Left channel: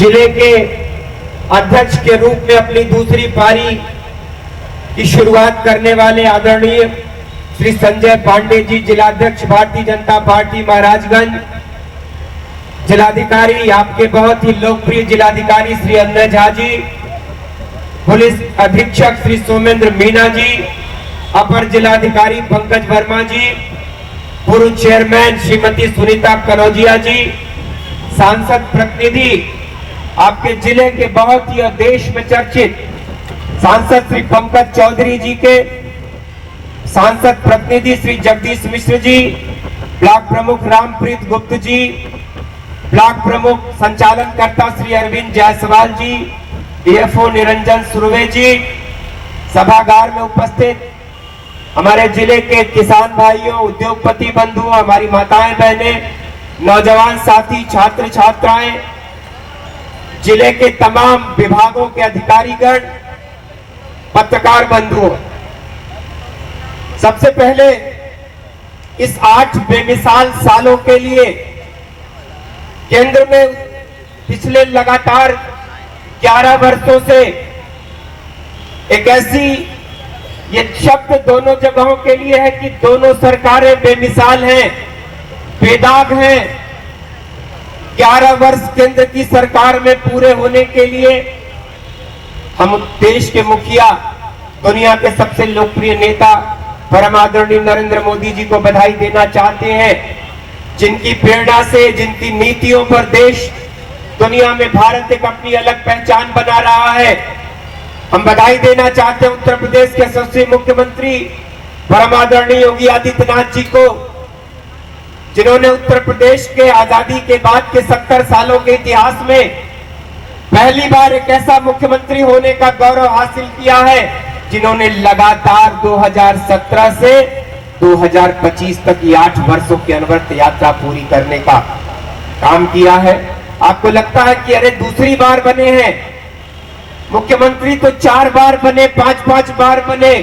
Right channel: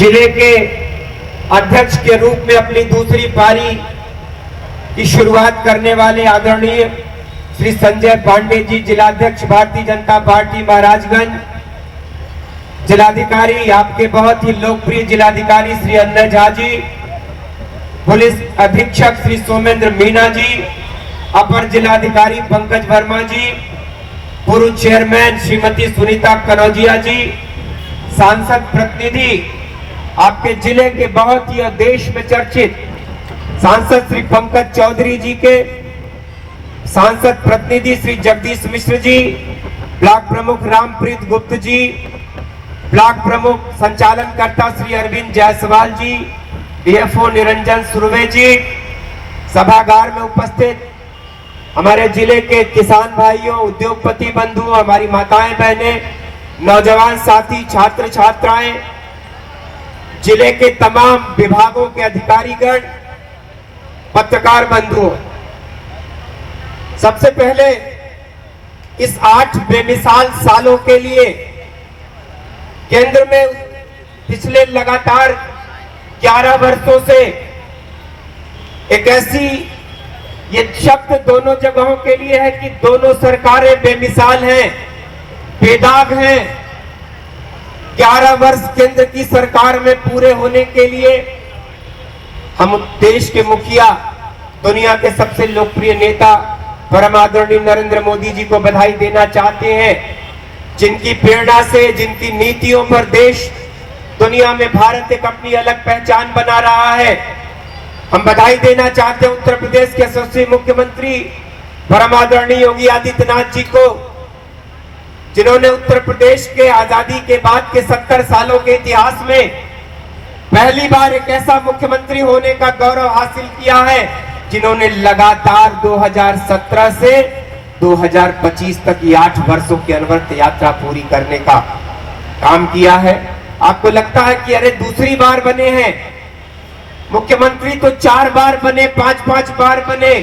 जिले के अध्यक्ष के रूप में अपनी दूसरी पारी की शुरुआत करने वाले आदरणीय श्री संजय पांडे जी, जिलाध्यक्ष भारतीय जनता पार्टी महाराजगंज। जिलाधिकारी आपके बहुत ही लोकप्रिय जिलाधिकारी श्री अजय झा जी, पुलिस अधीक्षक श्री सोमेंद्र मीणा जी, अपर जिलाधिकारी पंकज वर्मा जी, पूर्व चेयरमैन श्रीमती सुनीता कनौजिया जी, सांसद प्रतिनिधि आपके जिले के बहुत ही देश में चर्चित सांसद श्री पंकज चौधरी जी के, सांसद प्रतिनिधि श्री जगदीश मिश्र जी, ब्लॉक प्रमुख रामप्रीत गुप्त जी, ब्लॉक प्रमुख संचालनकर्ता श्री अरविंद जायसवाल जी, डीएफओ निरंजन सुरवे जी, सभागार में उपस्थित हमारे जिले के किसान भाइयों, उद्योगपति बंधुओं, हमारी माताएं बहनें, नौजवान साथी, छात्र छात्राएं, जिले के तमाम विभागों के अधिकारीगण, पत्रकार बंधुओं, सबसे पहले इस 8 बेमिसाल सालों के लिए केंद्र में पिछले लगातार 11 वर्षों से एक ऐसी, ये शब्द दोनों जगहों के लिए है कि दोनों सरकारें बेमिसाल हैं, बेदाग हैं। 11 वर्ष केंद्र की सरकार में पूरे होने के लिए हम देश के मुखिया, दुनिया के सबसे लोकप्रिय नेता परम आदरणीय नरेंद्र मोदी जी को बधाई देना चाहते हैं, जिनकी प्रेरणा से, जिनकी नीतियों पर देश दुनिया में भारत एक अपनी अलग पहचान बना रहा है। हम बधाई देना चाहते हैं उत्तर प्रदेश के यशस्वी मुख्यमंत्री परम आदरणीय योगी आदित्यनाथ जी को, जिन्होंने उत्तर प्रदेश के आजादी के बाद के 70 सालों के इतिहास में पहली बार एक ऐसा मुख्यमंत्री होने का गौरव हासिल किया है, जिन्होंने लगातार 2017 से 2025 तक की 8 वर्षों की अनवरत यात्रा पूरी करने का काम किया है। आपको लगता है कि अरे दूसरी बार बने हैं मुख्यमंत्री, तो 4 बार बने, 5-5 बार बने,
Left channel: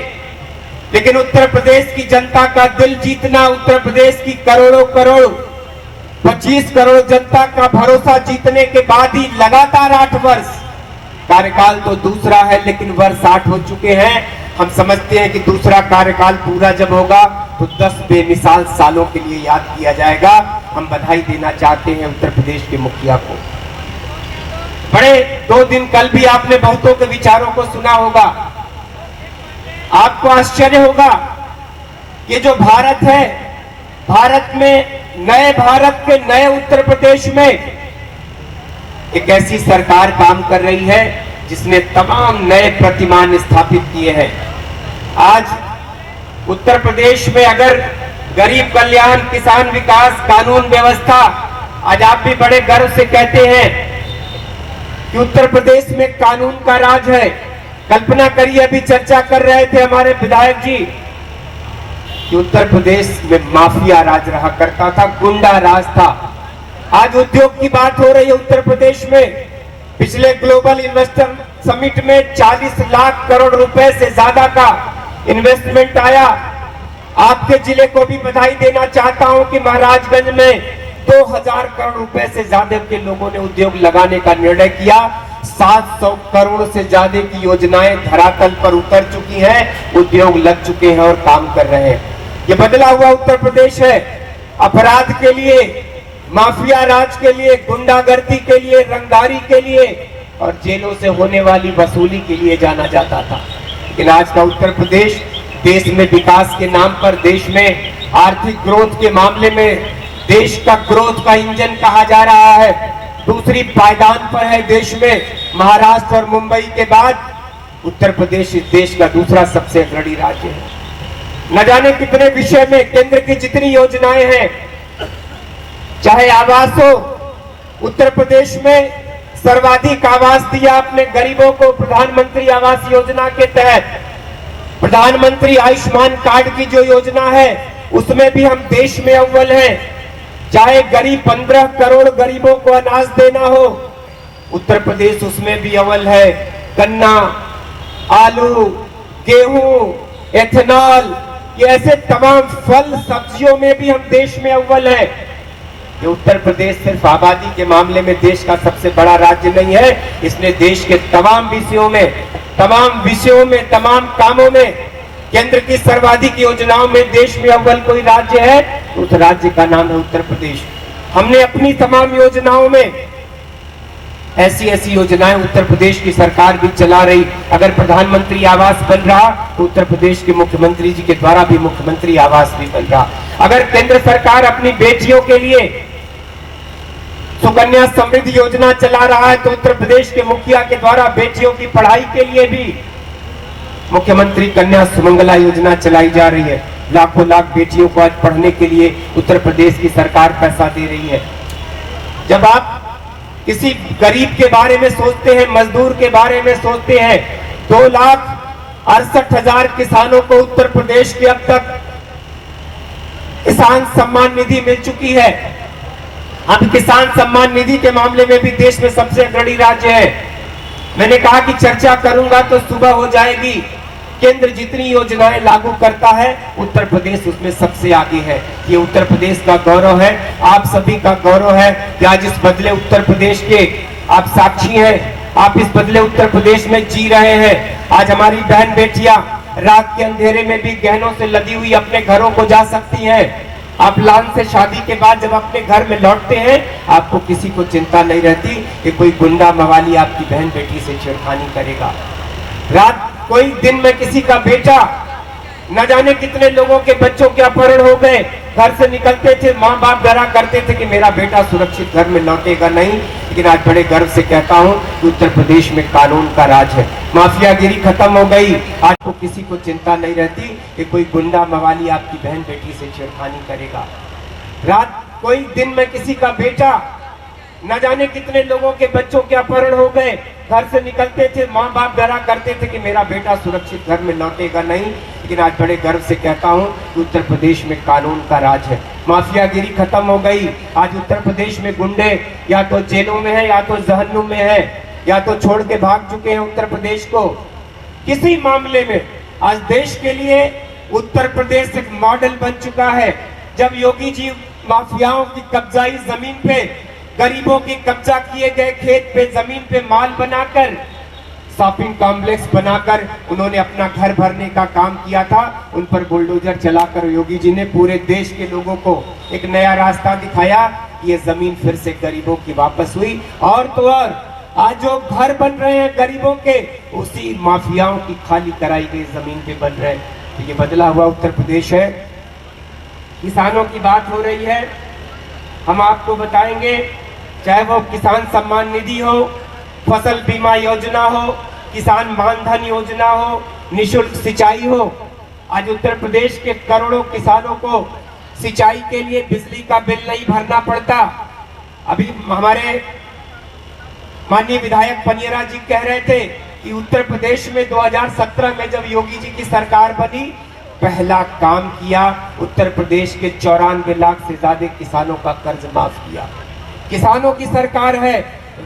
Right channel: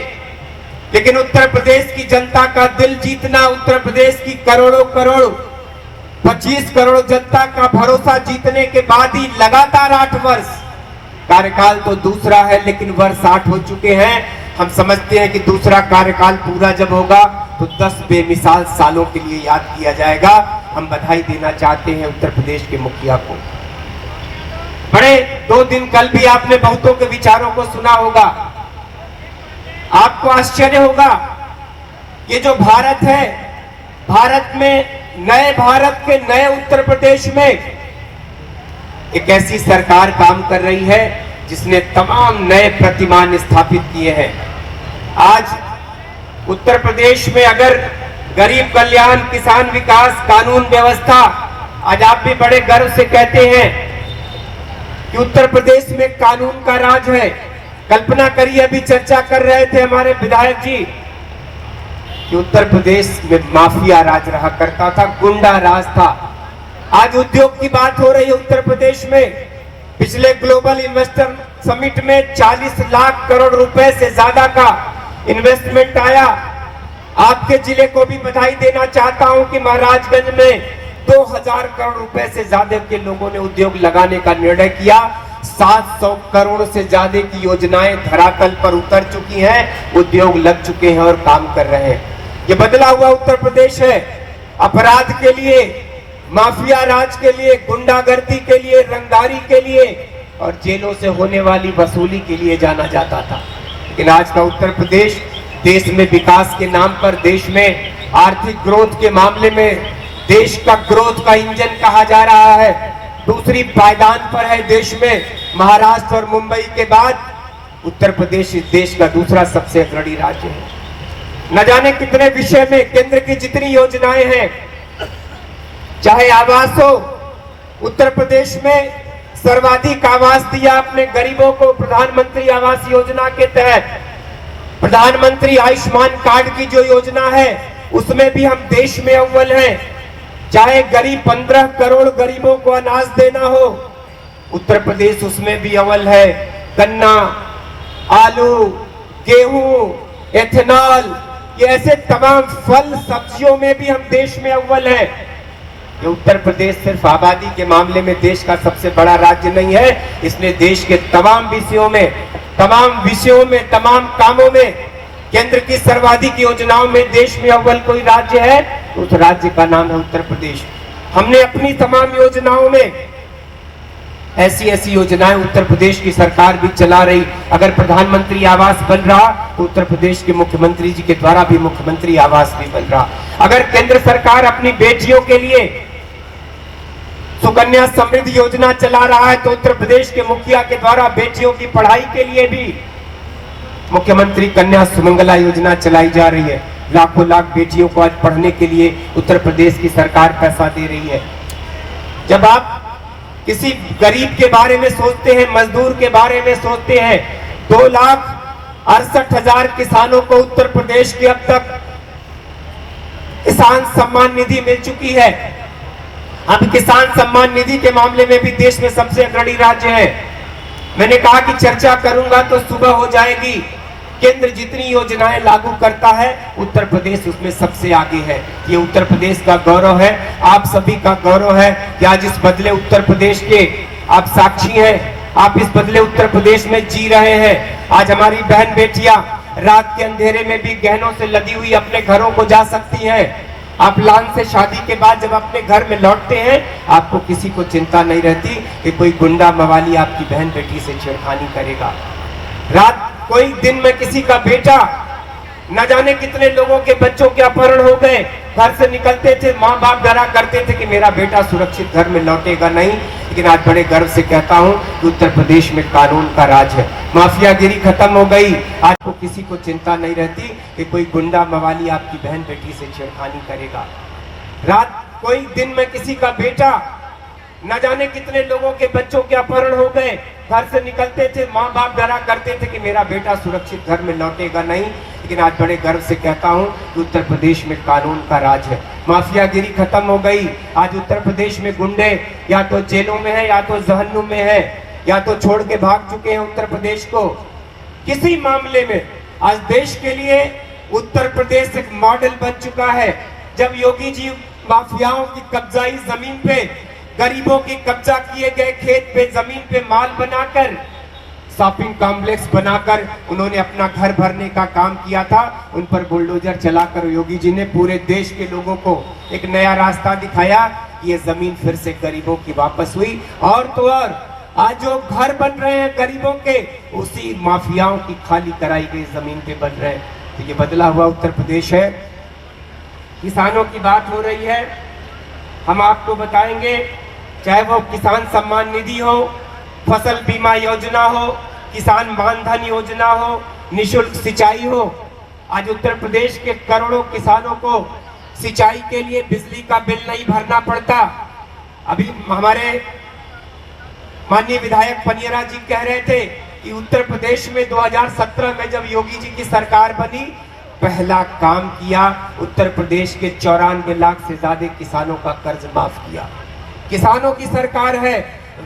लेकिन उत्तर प्रदेश की जनता का दिल जीतना, उत्तर प्रदेश की करोड़ों करोड़ 25 करोड़ जनता का भरोसा जीतने के बाद ही लगातार 8 वर्ष, कार्यकाल तो दूसरा है लेकिन वर्ष 8 हो चुके हैं। हम समझते हैं कि दूसरा कार्यकाल पूरा जब होगा तो 10 बेमिसाल सालों के लिए याद किया जाएगा। हम बधाई देना चाहते हैं उत्तर प्रदेश के मुखिया को। बड़े 2 दिन कल भी आपने बहुतों के विचारों को सुना होगा। आपको आश्चर्य होगा, ये जो भारत है, भारत में, नए भारत के नए उत्तर प्रदेश में एक ऐसी सरकार काम कर रही है जिसने तमाम नए प्रतिमान स्थापित किए हैं। आज उत्तर प्रदेश में अगर गरीब कल्याण, किसान विकास, कानून व्यवस्था, आज आप भी बड़े गर्व से कहते हैं कि उत्तर प्रदेश में कानून का राज है। कल्पना करिए, अभी चर्चा कर रहे थे हमारे विधायक जी कि उत्तर प्रदेश में माफिया राज रहा करता था, गुंडा राज था। आज उद्योग की बात हो रही है उत्तर प्रदेश में। पिछले ग्लोबल इन्वेस्टर समिट में 40 लाख करोड़ रुपए से ज्यादा का इन्वेस्टमेंट आया। आपके जिले को भी बधाई देना चाहता हूं कि महाराजगंज में 2000 करोड़ रुपए से ज्यादा के लोगों ने उद्योग लगाने का निर्णय किया। 700 करोड़ से ज्यादा की योजनाएं धरातल पर उतर चुकी हैं, उद्योग लग चुके हैं और काम कर रहे हैं। ये बदला हुआ उत्तर प्रदेश है। अपराध के लिए, माफिया राज के लिए, गुंडागर्दी के लिए, रंगदारी के लिए और जेलों से होने वाली वसूली के लिए जाना जाता था। लेकिन आज का उत्तर प्रदेश देश में विकास के नाम पर, देश में आर्थिक ग्रोथ के मामले में देश का ग्रोथ का इंजन कहा जा रहा है। दूसरी पायदान पर है देश में। महाराष्ट्र और मुंबई के बाद उत्तर प्रदेश इस देश का दूसरा सबसे अग्रणी राज्य है। न जाने कितने विषय में केंद्र की जितनी योजनाएं हैं, चाहे आवास हो, उत्तर प्रदेश में सर्वाधिक आवास दिया आपने गरीबों को प्रधानमंत्री आवास योजना के तहत। प्रधानमंत्री आयुष्मान कार्ड की जो योजना है उसमें भी हम देश में अव्वल हैं। चाहे गरीब 15 करोड़ गरीबों को अनाज देना हो, उत्तर प्रदेश उसमें भी अव्वल है। गन्ना, आलू, गेहूं, एथेनॉल, ये ऐसे तमाम फल सब्जियों में भी हम देश में अव्वल हैं। कि उत्तर प्रदेश सिर्फ आबादी के मामले में देश का सबसे बड़ा राज्य नहीं है, इसने देश के तमाम विषयों में, तमाम कामों में, केंद्र की सर्वाधिक योजनाओं में देश में अव्वल कोई राज्य है तो उस राज्य का नाम है उत्तर प्रदेश। हमने अपनी तमाम योजनाओं में ऐसी योजनाएं उत्तर प्रदेश की सरकार भी चला रही। अगर प्रधानमंत्री आवास बन रहा तो उत्तर प्रदेश के मुख्यमंत्री जी के द्वारा भी मुख्यमंत्री आवास भी बन रहा। अगर केंद्र सरकार अपनी बेटियों के लिए सुकन्या समृद्धि योजना चला रहा है तो उत्तर प्रदेश के मुखिया के द्वारा बेटियों की पढ़ाई के लिए भी मुख्यमंत्री कन्या सुमंगला योजना चलाई जा रही है। लाखों लाख बेटियों को आज पढ़ने के लिए उत्तर प्रदेश की सरकार पैसा दे रही है। जब आप किसी गरीब के बारे में सोचते हैं, मजदूर के बारे में सोचते हैं, 2,68,000 किसानों को उत्तर प्रदेश के अब तक किसान सम्मान निधि मिल चुकी है। अब किसान सम्मान निधि के मामले में भी देश में सबसे अग्रणी राज्य है। मैंने कहा कि चर्चा करूंगा तो सुबह हो जाएगी। केंद्र जितनी योजनाएं लागू करता है उत्तर प्रदेश उसमें सबसे आगे है। ये उत्तर प्रदेश का गौरव है, आप सभी का गौरव है कि आज इस बदले उत्तर प्रदेश के आप साक्षी हैं। आप इस बदले उत्तर प्रदेश में जी रहे हैं। आज हमारी बहन बेटियां रात के अंधेरे में भी गहनों से लदी हुई अपने घरों को जा सकती हैं। आप लान से शादी के बाद जब अपने घर में लौटते हैं आपको किसी को चिंता नहीं रहती कि कोई गुंडा मवाली आपकी बहन बेटी से छेड़खानी करेगा। रात कोई दिन में किसी का बेटा, न जाने कितने लोगों के बच्चों के अपहरण हो गए, घर से निकलते थे, माँ बाप डरा करते थे कि मेरा बेटा सुरक्षित घर में लौटेगा नहीं। लेकिन आज बड़े गर्व से कहता हूँ कि उत्तर प्रदेश में कानून का राज है, माफियागिरी खत्म हो गई। आज को किसी को चिंता नहीं रहती कि कोई गुंडा मवाली आपकी बहन बेटी से छेड़खानी करेगा। रात कोई दिन में किसी का बेटा, न जाने कितने लोगों के बच्चों के अपहरण हो गए, घर से निकलते थे, माँ बाप डरा करते थे कि मेरा बेटा सुरक्षित घर में लौटेगा नहीं। लेकिन आज बड़े गर्व से कहता हूँ कि उत्तर प्रदेश में कानून का राज है, माफियागिरी खत्म हो गई। आज उत्तर प्रदेश में गुंडे या तो जेलों में है, या तो जहन्नुम में है, या तो छोड़ के भाग चुके हैं उत्तर प्रदेश को। किसी मामले में आज देश के लिए उत्तर प्रदेश एक मॉडल बन चुका है। जब योगी जी माफियाओं की कब्जाई जमीन पे, गरीबों की कब्जा किए गए खेत पे, जमीन पे माल बनाकर, शॉपिंग कॉम्प्लेक्स बनाकर उन्होंने अपना घर भरने का काम किया था, उन पर बुलडोजर चलाकर योगी जी ने पूरे देश के लोगों को एक नया रास्ता दिखाया। ये जमीन फिर से गरीबों की वापस हुई। और तो और आज जो घर बन रहे हैं गरीबों के, उसी माफियाओं की खाली कराई गई जमीन पे बन रहे हैं। तो ये बदला हुआ उत्तर प्रदेश है। किसानों की बात हो रही है, हम आपको बताएंगे, चाहे वो किसान सम्मान निधि हो, फसल बीमा योजना हो, किसान मानधन योजना हो, निःशुल्क सिंचाई हो, आज उत्तर प्रदेश के करोड़ों किसानों को सिंचाई के लिए बिजली का बिल नहीं भरना पड़ता। अभी हमारे माननीय विधायक पनियरा जी कह रहे थे कि उत्तर प्रदेश में 2017 में जब योगी जी की सरकार बनी, पहला काम किया, उत्तर प्रदेश के 94 लाख से ज्यादा किसानों का कर्ज माफ किया। किसानों की सरकार है,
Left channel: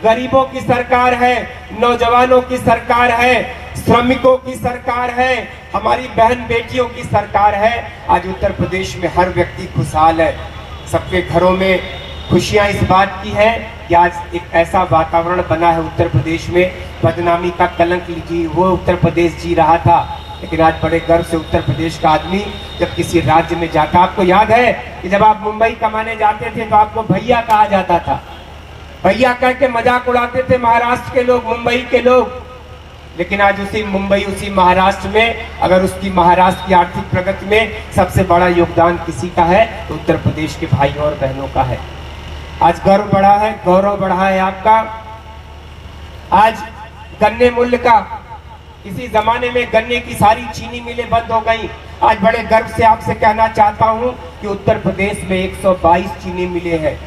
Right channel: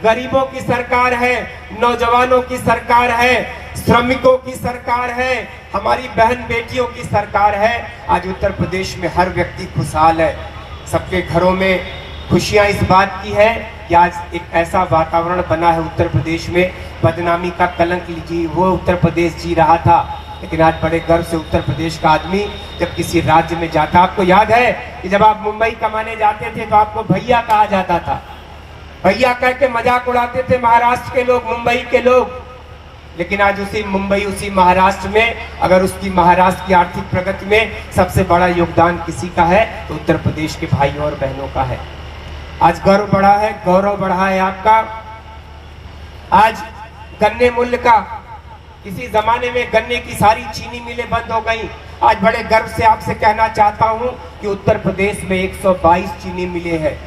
गरीबों की सरकार है, नौजवानों की सरकार है, श्रमिकों की सरकार है, हमारी बहन बेटियों की सरकार है। आज उत्तर प्रदेश में हर व्यक्ति खुशहाल है। सबके घरों में खुशियां इस बात की है कि आज एक ऐसा वातावरण बना है उत्तर प्रदेश में, बदनामी का कलंक जी वो उत्तर प्रदेश जी रहा था। लेकिन आज बड़े गर्व से उत्तर प्रदेश का आदमी जब किसी राज्य में जाता, आपको याद है कि जब आप मुंबई कमाने जाते थे तो आपको भैया कहा जाता था, भैया कह के मजाक उड़ाते थे महाराष्ट्र के लोग, मुंबई के लोग। लेकिन आज उसी मुंबई, उसी महाराष्ट्र में, अगर उसकी महाराष्ट्र की आर्थिक प्रगति में सबसे बड़ा योगदान किसी का है तो उत्तर प्रदेश के भाई और बहनों का है। आज गर्व बढ़ा है, गौरव बढ़ा है आपका। आज गन्ने मूल्य का, किसी जमाने में गन्ने की सारी चीनी मिलें बंद हो गई। आज बड़े गर्व से आपसे कहना चाहता हूं कि उत्तर प्रदेश में 122 चीनी मिलें हैं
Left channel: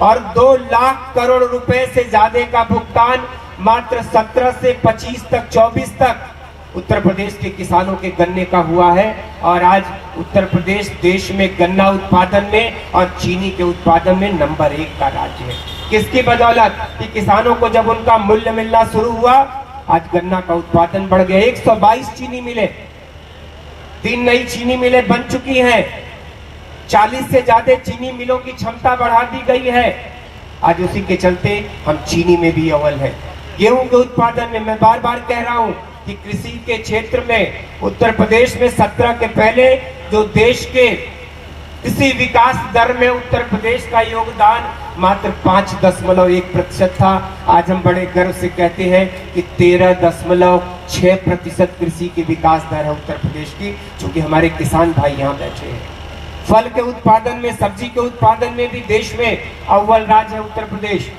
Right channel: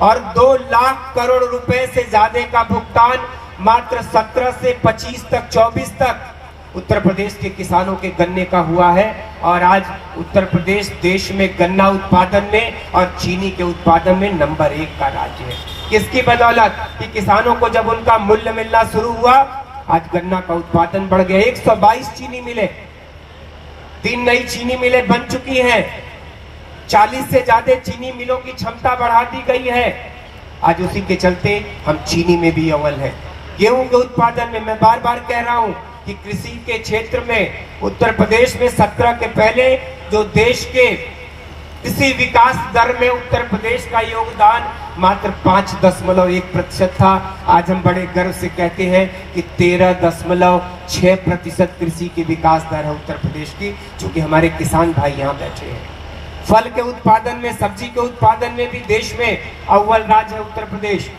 और 2 लाख करोड़ रुपए से ज्यादा का भुगतान मात्र 17 से 25 तक, 24 तक उत्तर प्रदेश के किसानों के गन्ने का हुआ है। और आज उत्तर प्रदेश देश में गन्ना उत्पादन में और चीनी के उत्पादन में नंबर 1 का राज्य है। किसकी बदौलत? कि किसानों को जब उनका मूल्य मिलना शुरू हुआ, आज गन्ना का उत्पादन बढ़ गया। 122 चीनी मिले, 3 नई चीनी मिलें बन चुकी हैं। 40 से ज्यादा चीनी मिलों की क्षमता बढ़ा दी गई है। आज उसी के चलते हम चीनी में भी अव्वल है। गेहूं के उत्पादन में मैं बार बार कह रहा हूं कि कृषि के क्षेत्र में उत्तर प्रदेश में 17 के पहले जो देश के कृषि विकास दर में उत्तर प्रदेश का योगदान मात्र 5.1% था। आज हम बड़े गर्व से कहते हैं कि 13.6% कृषि की विकास दर है उत्तर प्रदेश की, क्योंकि हमारे किसान भाई यहाँ बैठे हैं। फल के उत्पादन में, सब्जी के उत्पादन में भी देश में अव्वल राज्य है उत्तर प्रदेश।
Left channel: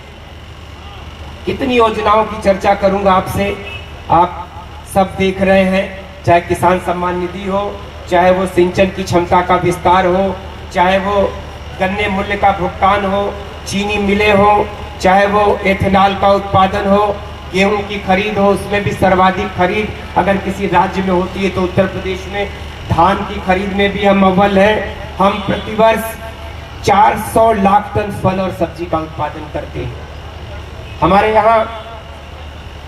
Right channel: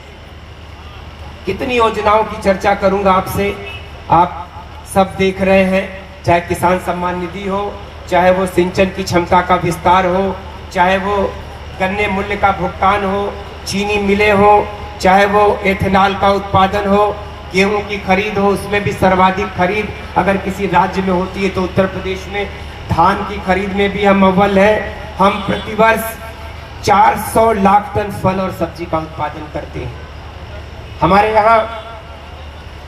कितनी योजनाओं की चर्चा करूंगा आपसे, आप सब देख रहे हैं, चाहे किसान सम्मान निधि हो, चाहे वो सिंचन की क्षमता का विस्तार हो, चाहे वो गन्ने मूल्य का भुगतान हो, चीनी मिले हो, चाहे वो एथेनॉल का उत्पादन हो, गेहूं की खरीद हो, उसमें भी सर्वाधिक खरीद अगर किसी राज्य में होती है तो उत्तर प्रदेश में। धान की खरीद में भी हम अव्वल है। हम प्रतिवर्ष 400 लाख टन फल और सब्जी का उत्पादन करते हैं। हमारे यहाँ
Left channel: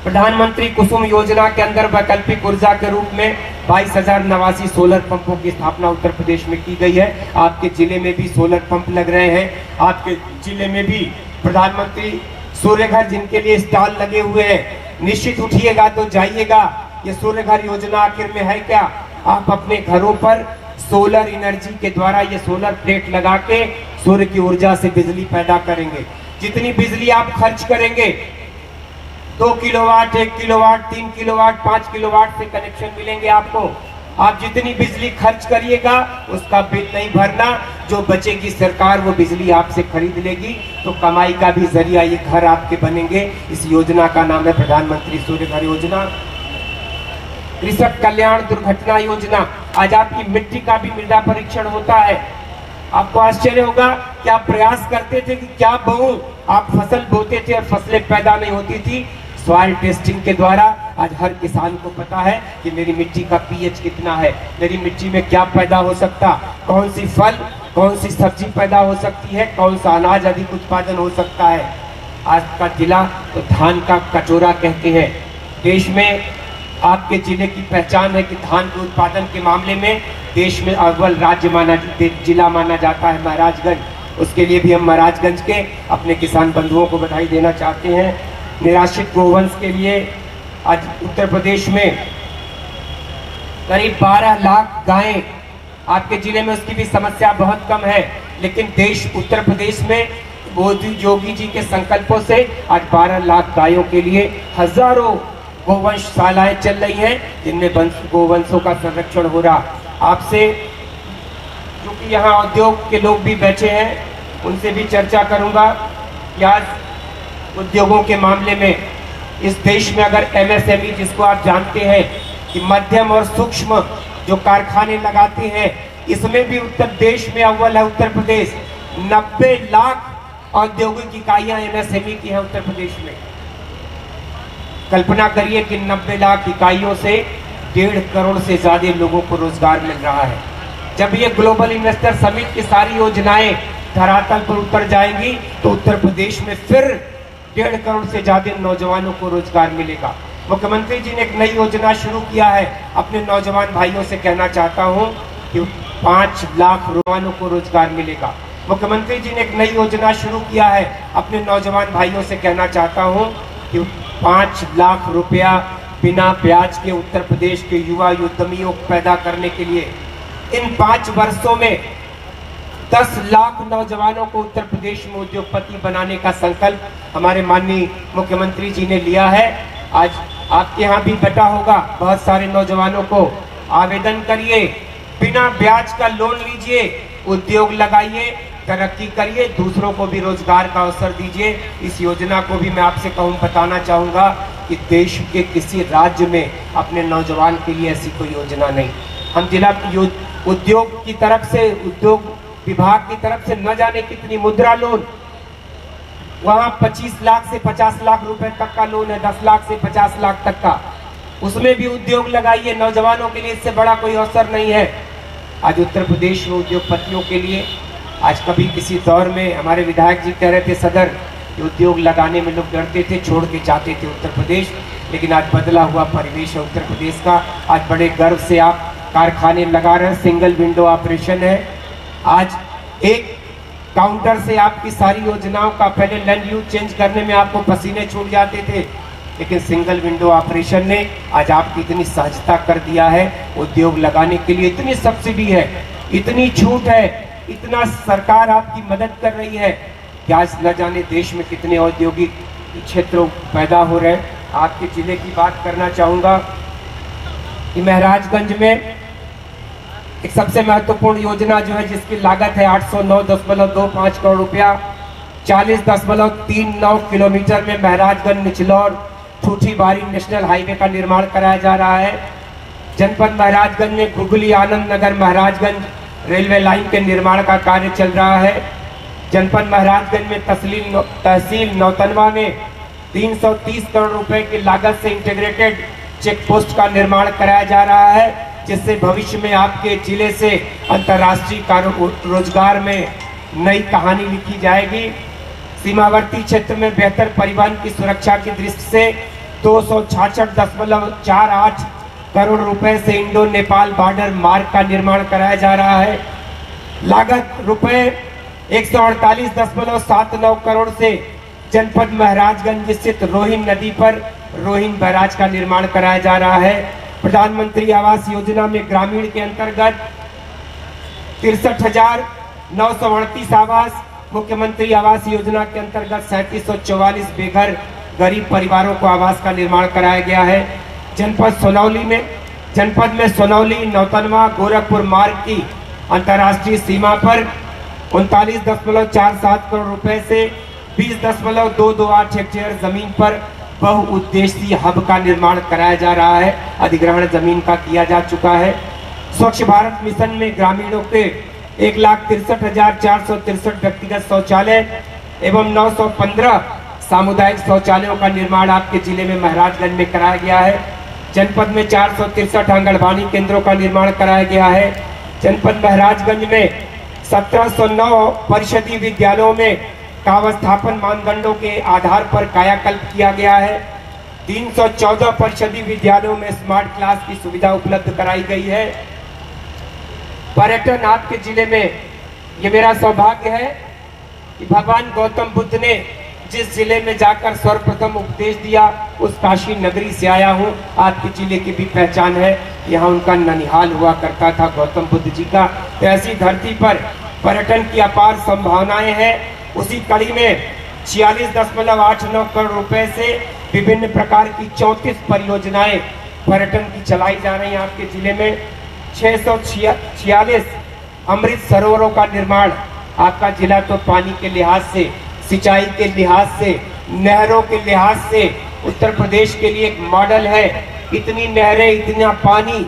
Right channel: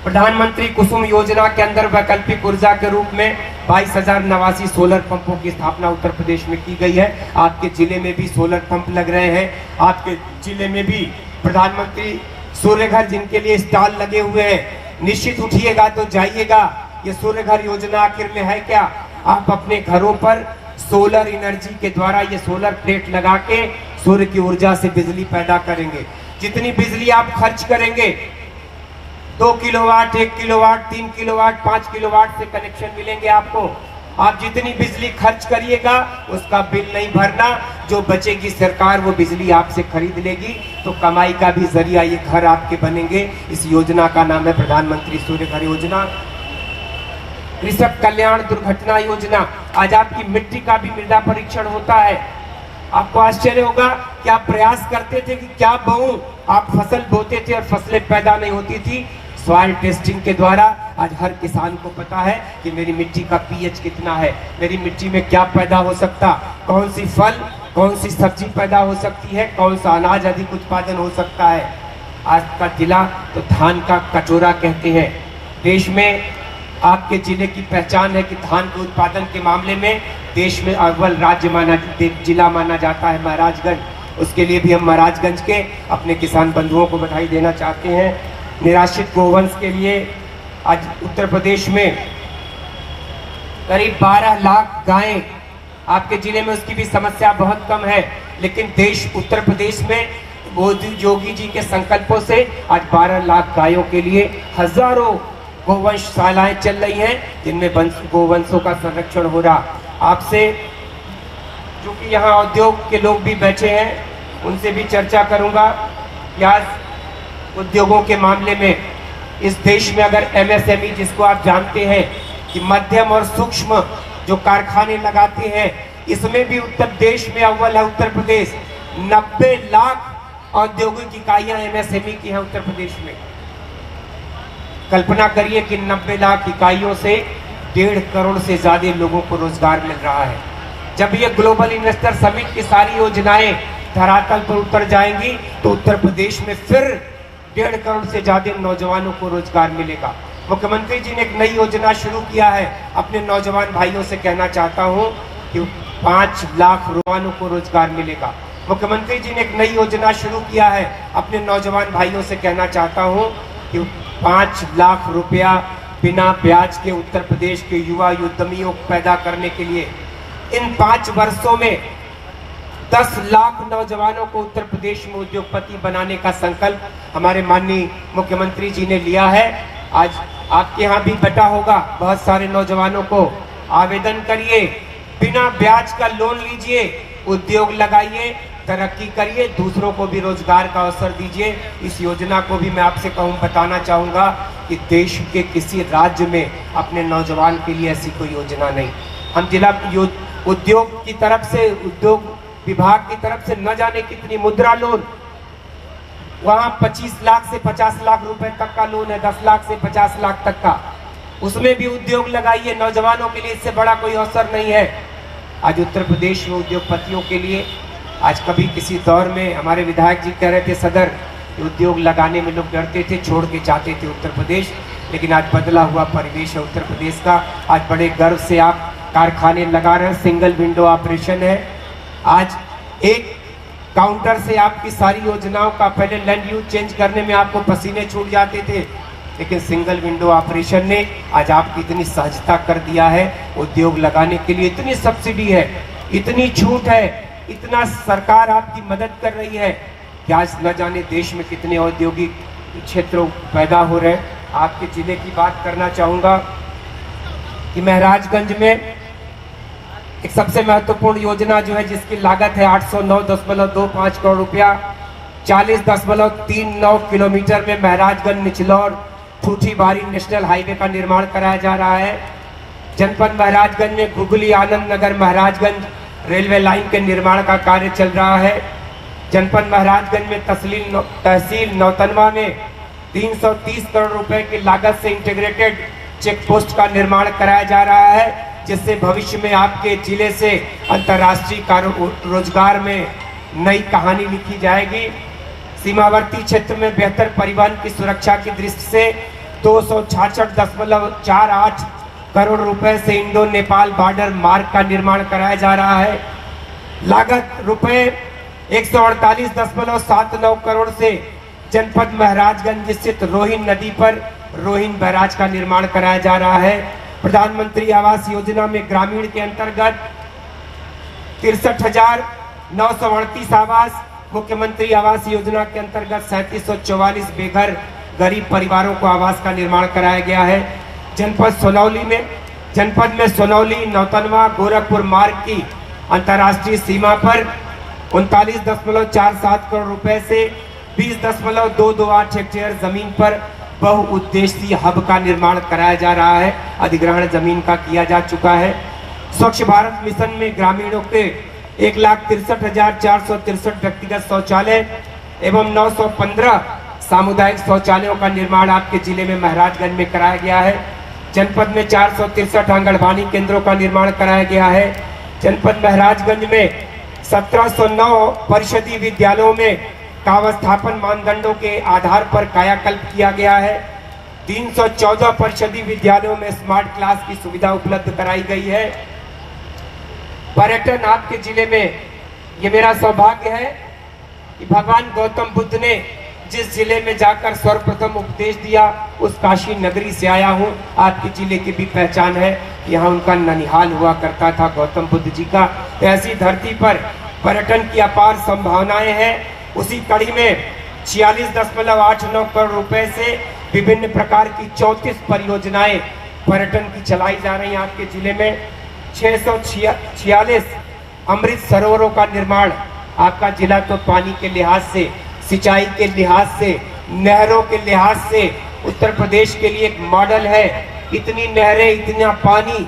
प्रधानमंत्री कुसुम योजना के अंदर वैकल्पिक ऊर्जा के रूप में 22,089 सोलर पंपों की स्थापना उत्तर प्रदेश में की गई है। आपके जिले में भी सोलर पंप लग रहे हैं। आपके जिले में भी प्रधानमंत्री सूर्य घर जिनके लिए स्टॉल लगे हुए हैं, निश्चित उठिएगा तो जाइएगा। ये सूर्य घर योजना आखिर में है क्या? आप अपने घरों पर सोलर एनर्जी के द्वारा ये सोलर प्लेट लगा के सूर्य की ऊर्जा से बिजली पैदा करेंगे। जितनी बिजली आप खर्च करेंगे, 2 किलोवाट, 1 किलोवाट, 3 किलोवाट, 5 किलोवाट से कनेक्शन मिलेंगे आपको। आप जितनी बिजली खर्च करिएगा उसका बिल नहीं भरना, जो बचेगी सरकार वो बिजली आपसे खरीद लेगी, तो कमाई का भी जरिया ये घर आपके बनेंगे। इस योजना का नाम है प्रधानमंत्री सूर्य घर योजना। कृषक कल्याण दुर्घटना योजना, आज आपकी मिट्टी का भी मृदा परीक्षण होता है। आपको आश्चर्य होगा कि आप प्रयास करते थे कि क्या बोऊं, आप फसल बोते थे और फसलें पैदा नहीं होती थी। सॉइल टेस्टिंग के द्वारा आज हर किसान को पता है कि मेरी मिट्टी का पीएच कितना है, मेरी मिट्टी में क्या पैदा हो सकता, कौन सी फल, कौन सी सब्जी पैदा हो सकती है, कौन सा अनाज अधिक उत्पादन हो सकता है। आज का जिला तो धान का कटोरा कहते हैं। देश में आपके जिले की पहचान है कि धान के उत्पादन के मामले में देश में अव्वल जिला माना जाता है महाराजगंज। उसके लिए भी हम महाराजगंज के अपने किसान बंधुओं को बधाई देना चाहते हैं। निराश्रित गोवंश के लिए आज उत्तर प्रदेश में करीब 12 लाख गायें, आपके जिले में उसकी भी समस्या बहुत कम है, लेकिन देश उत्तर प्रदेश में मोदी जोगी जी के संकल्पों से आज 12 लाख गायों के लिए हजारों गोवंशशालाएं चल रही हैं, जिनमें गोवंशों का संरक्षण हो रहा। आपसे क्योंकि यहाँ उद्योग के लोग भी बैठे हैं, उनसे भी चर्चा करूंगा कि आज उद्योगों के मामले में इस देश में अगर एमएसएमई, जिसको आप जानते हैं कि मध्यम और सूक्ष्म जो कारखाने लगाते हैं, इसमें भी उत्तर देश में अव्वल है उत्तर प्रदेश। 90 लाख औद्योगिक इकाइयां एमएसएमई की हैं उत्तर प्रदेश में। कल्पना करिए कि 90 लाख इकाइयों से 1.5 करोड़ से ज्यादा लोगों को रोजगार मिल रहा है। जब ये ग्लोबल इन्वेस्टर समिट की सारी योजनाएं धरातल पर उतर जाएंगी तो उत्तर प्रदेश में फिर 1.5 करोड़ से ज्यादा नौजवानों को रोजगार मिलेगा। मुख्यमंत्री जी ने एक नई योजना शुरू किया है। अपने नौजवान भाइयों से कहना चाहता हूं कि 5 लाख नौजवानों को रोजगार मिलेगा। मुख्यमंत्री जी ने एक नई योजना शुरू किया है। अपने नौजवान भाइयों से कहना चाहता हूं कि 5 लाख रुपया बिना ब्याज के उत्तर प्रदेश के युवा उद्यमियों को पैदा करने के लिए इन 5 वर्षों में 10 लाख नौजवानों को उत्तर प्रदेश में उद्योगपति बनाने का संकल्प हमारे माननीय मुख्यमंत्री जी ने लिया है। आज आपके यहाँ भी बटा होगा, बहुत सारे नौजवानों को आवेदन करिए, बिना ब्याज का लोन लीजिए, उद्योग लगाइए, तरक्की करिए, दूसरों को भी रोजगार का अवसर दीजिए। इस योजना को भी मैं आपसे बताना चाहूंगा कि देश के किसी राज्य में अपने नौजवान के लिए ऐसी कोई योजना नहीं। हम जिला उद्योग की तरफ से, उद्योग विभाग की तरफ से न जाने कितनी मुद्रा लोन, वहां 25 लाख से 50 लाख रुपए तक का लोन है, 10 लाख से 50 लाख तक का। उसमें भी उद्योग लगाइए, नौजवानों के लिए इससे बड़ा कोई अवसर नहीं है। आज उत्तर प्रदेश में उद्योगपतियों के लिए, आज कभी किसी दौर में हमारे विधायक जी कह रहे थे सदर, उद्योग लगाने में लोग डरते थे, छोड़ के जाते थे उत्तर प्रदेश, लेकिन आज बदला हुआ परिवेश है उत्तर प्रदेश का। आज बड़े गर्व से आप कारखाने लगा रहे हैं, सिंगल विंडो ऑपरेशन है। आज एक काउंटर से आपकी सारी योजनाओं का पहले लैंड यूज चेंज करने में आपको पसीने छूट जाते थे, लेकिन सिंगल विंडो ऑपरेशन ने आज आपकी इतनी सहजता कर दिया है। उद्योग लगाने के लिए इतनी सब्सिडी है, इतनी छूट है, इतना सरकार आपकी मदद कर रही है कि आज न जाने देश में कितने औद्योगिक क्षेत्रों पैदा हो रहे हैं। आपके जिले की बात करना चाहूंगा कि महराजगंज में एक सबसे महत्वपूर्ण योजना जो है जिसकी लागत है 809.25 करोड़ रुपया, 40.39 किलोमीटर में महराजगंज निचलौर ठूठी बारी नेशनल हाईवे का निर्माण कराया जा रहा है। जनपद महराजगंज में googly Anand Nagar Maharajganj railway line के निर्माण का कार्य चल रहा है। जनपद महराजगंज में तहसील नौतनवा में 330 करोड़ रुपए की लागत से इंटीग्रेटेड चेक पोस्ट का निर्माण कराया जा रहा है, जिससे भविष्य में आपके जिले से अंतर्राष्ट्रीय रोजगार में नई कहानी लिखी जाएगी। सीमावर्ती क्षेत्र में बेहतर परिवहन की सुरक्षा की दृष्टि से 266.48 करोड़ रुपए से इंडो नेपाल बॉर्डर मार्ग का निर्माण कराया जा रहा है। लागत रुपए 148.79 करोड़ से जनपद महराजगंज स्थित रोहिन नदी पर रोहिन बैराज का निर्माण कराया जा रहा है। प्रधानमंत्री आवास योजना में ग्रामीण के अंतर्गत 63,938 आवास, मुख्यमंत्री आवास योजना के अंतर्गत 3744 बेघर गरीब परिवारों को आवास का निर्माण कराया गया है। जनपद में सोनौली नौतनवा गोरखपुर मार्ग की अंतर्राष्ट्रीय सीमा पर 39.47 करोड़ रुपए से 20.228 हेक्टेयर जमीन पर बहुउद्देशीय हब का निर्माण कराया जा रहा है। अधिग्रहण जमीन का किया जा चुका है। स्वच्छ भारत मिशन में ग्रामीणों के 1,63,463 व्यक्तिगत शौचालय एवं 915 सामुदायिक शौचालयों का निर्माण आपके जिले में महराजगंज में कराया गया है। जनपद में 463 आंगनबाड़ी केंद्रों का निर्माण कराया गया है। जनपद महराजगंज में 1709 परिषदीय विद्यालयों में काव्यस्थापन मानदंडों के आधार पर कायाकल्प किया गया है। 314 परिषदीय विद्यालयों में स्मार्ट क्लास की सुविधा उपलब्ध कराई गई है। पर्यटन आपके जिले में, ये मेरा सौभाग्य है कि भगवान गौतम बुद्ध ने जिस जिले में जाकर सर्वप्रथम उपदेश दिया उस काशी नगरी से आया हूँ। आपके जिले की भी पहचान है, यहाँ उनका ननिहाल हुआ करता था गौतम बुद्ध जी का। ऐसी धरती पर पर्यटन की अपार संभावनाएं हैं। उसी कड़ी में 46.89 करोड़ रुपए से विभिन्न प्रकार की 34 परियोजनाएं पर्यटन की चलाई जा रही हैं। आपके जिले में 646 अमृत सरोवरों का निर्माण। आपका जिला तो पानी के लिहाज से, सिंचाई के लिहाज से, नहरों के लिहाज से उत्तर प्रदेश के लिए एक मॉडल है। इतनी नहरें, इतना पानी।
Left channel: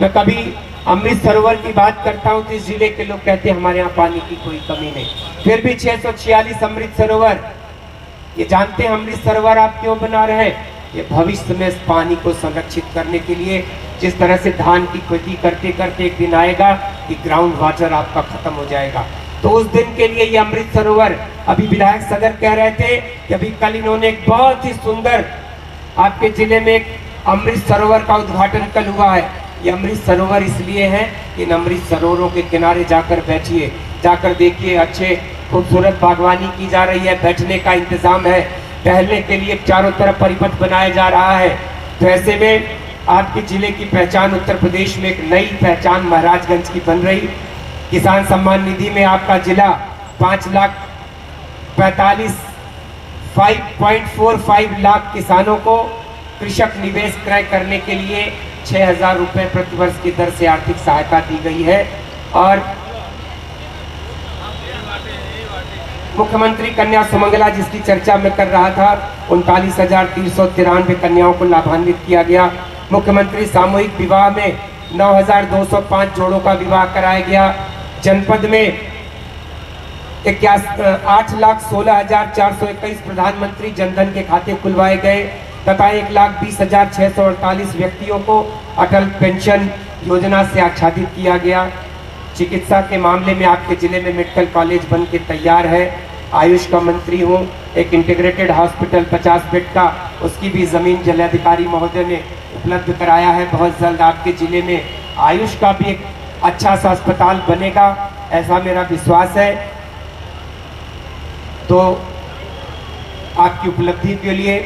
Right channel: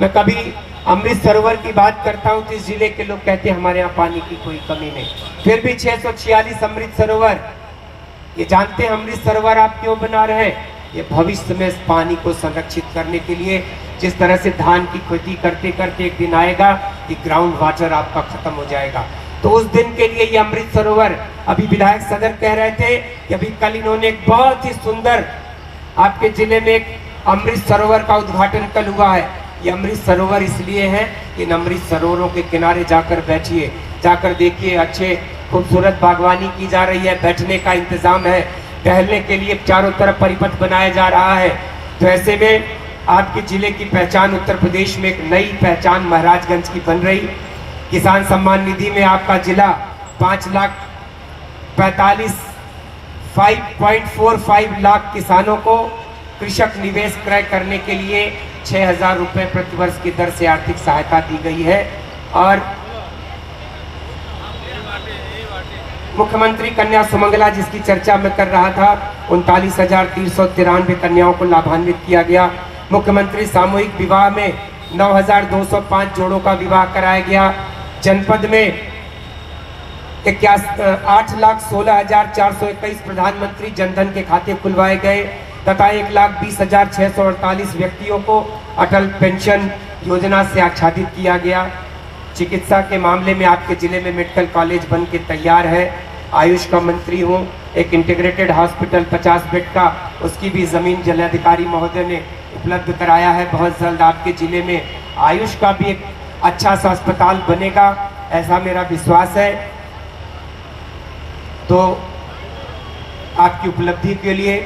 मैं कभी अमृत सरोवर की बात करता हूँ तो इस जिले के लोग कहते हैं हमारे यहाँ पानी की कोई कमी नहीं। फिर भी 646 अमृत सरोवर। ये जानते हैं अमृत सरोवर आप क्यों बना रहे हैं? ये भविष्य में इस पानी को संरक्षित करने के लिए, जिस तरह से धान की खेती करते करते एक दिन आएगा कि ग्राउंड वाटर आपका खत्म हो जाएगा, तो उस दिन के लिए ये अमृत सरोवर। अभी विधायक सदर कह रहे थे कि अभी कल इन्होंने एक बहुत ही सुंदर आपके जिले में एक अमृत सरोवर का उद्घाटन कल हुआ है। ये अमृत सरोवर इसलिए है कि इन अमृत सरोवरों के किनारे जाकर बैठिए, जाकर देखिए, अच्छे खूबसूरत बागवानी की जा रही है, बैठने का इंतजाम है, टहलने के लिए चारों तरफ परिपथ बनाया जा रहा है। तो ऐसे में आपके जिले की पहचान उत्तर प्रदेश में एक नई पहचान महराजगंज की बन रही। किसान सम्मान निधि में आपका जिला 5,45 लाख किसानों को कृषक निवेश क्रय करने के लिए 6,000 रुपए प्रति वर्ष की दर से आर्थिक सहायता दी गई है। और मुख्यमंत्री कन्या सुमंगला जिसकी चर्चा मैं कर रहा था, 39,393 कन्याओं को लाभान्वित किया गया। मुख्यमंत्री सामूहिक विवाह में 9,205 जोड़ों का विवाह कराया गया। जनपद में 8,16,421 प्रधानमंत्री जनधन के खाते खुलवाए गए तथा 1,20,648 व्यक्तियों को अटल पेंशन योजना से आच्छादित किया गया। चिकित्सा के मामले में आपके जिले में मेडिकल कॉलेज बन के तैयार है। आयुष का मंत्री हूँ, एक इंटीग्रेटेड हॉस्पिटल 50 बेड का, उसकी भी जमीन जिलाधिकारी महोदय ने उपलब्ध कराया है। बहुत जल्द आपके जिले में आयुष का भी एक अच्छा सा अस्पताल बनेगा ऐसा मेरा विश्वास है। तो आपकी उपलब्धि के लिए,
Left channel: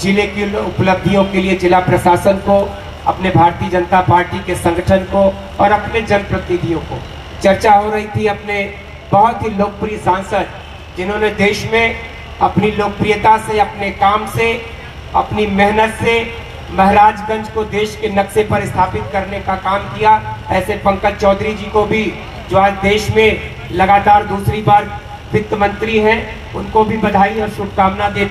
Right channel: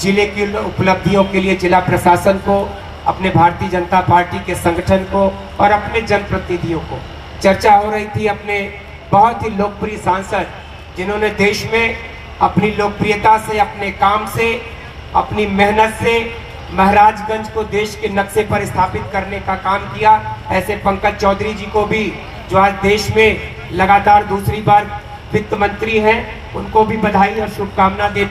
जिले की उपलब्धियों के लिए जिला प्रशासन को, अपने भारतीय जनता पार्टी के संगठन को और अपने जनप्रतिनिधियों को, चर्चा हो रही थी अपने बहुत ही लोकप्रिय सांसद जिन्होंने देश में अपनी लोकप्रियता से, अपने काम से, अपनी मेहनत से महाराजगंज को देश के नक्शे पर स्थापित करने का काम किया, ऐसे पंकज चौधरी जी को भी, जो आज देश में लगातार दूसरी बार वित्त मंत्री हैं, उनको भी बधाई और शुभकामना देते